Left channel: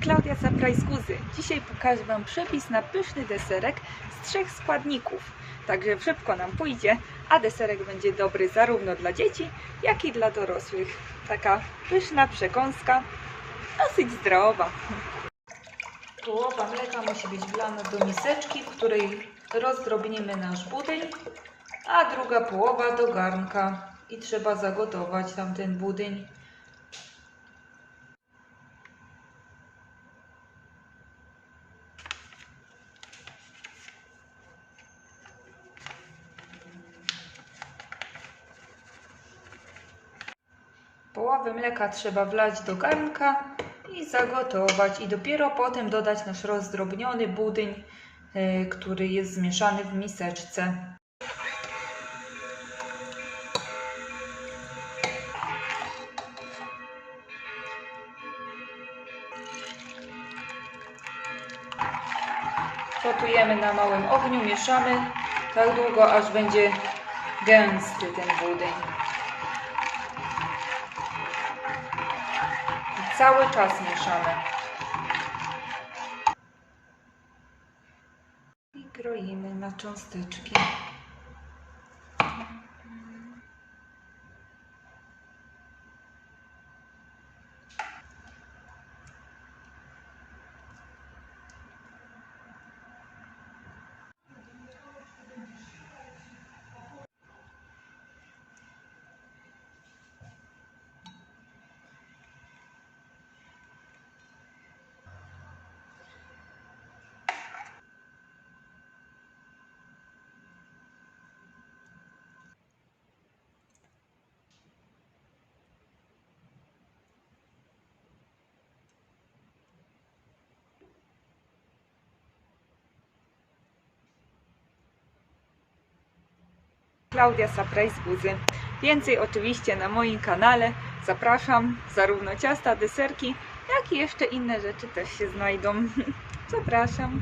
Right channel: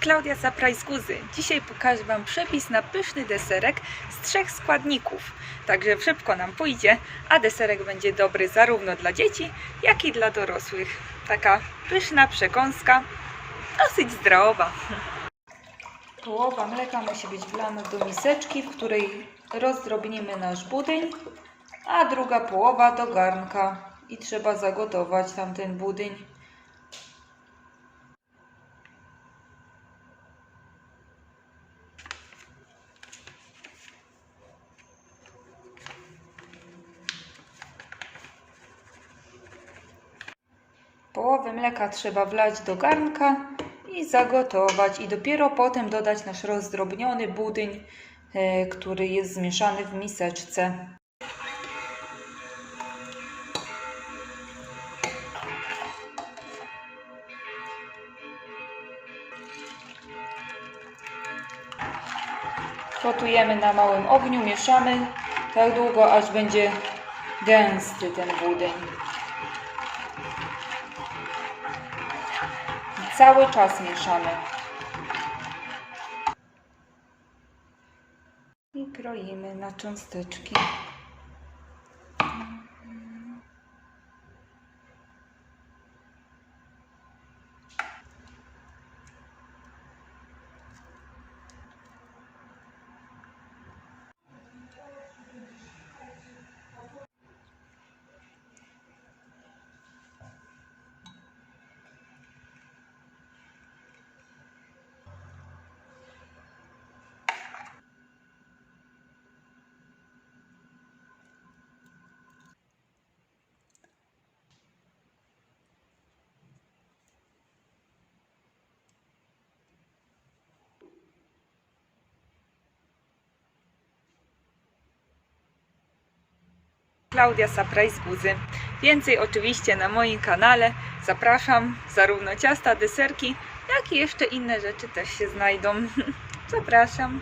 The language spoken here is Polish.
Klaudia Guzy. Dzisiaj pokażę Wam przepis na pyszny deserek z trzech składników. Także szybko nam pójdzie, a deserek będzie dobry zarówno dla dzieci, jak i dla dorosłych. Taka pyszna przekąska, dosyć zdrowa. Połowa mleka musi być wlana do miseczki, w której rozdrobnimy nasz budyń, a druga połowa do garnka i trzeba zagotować tamten budyń. Połowę mleka trzeba wlać do garnka i zagotować i dopiero potem dodać nasz rozdrobniony budyń, e, który jest zmieszany w miseczce. Gotujemy na małym ogniu, mieszamy tak długo, aż będzie gęsty ten budyń. Cały czas mieszamy. I kroimy na cząsteczki. Klaudia Surprise Buzy. Więcej oczywiście na moim kanale. Zapraszam. Zarówno ciasta, deserki, jak i jeszcze inne rzeczy też się znajdą. Zapraszam.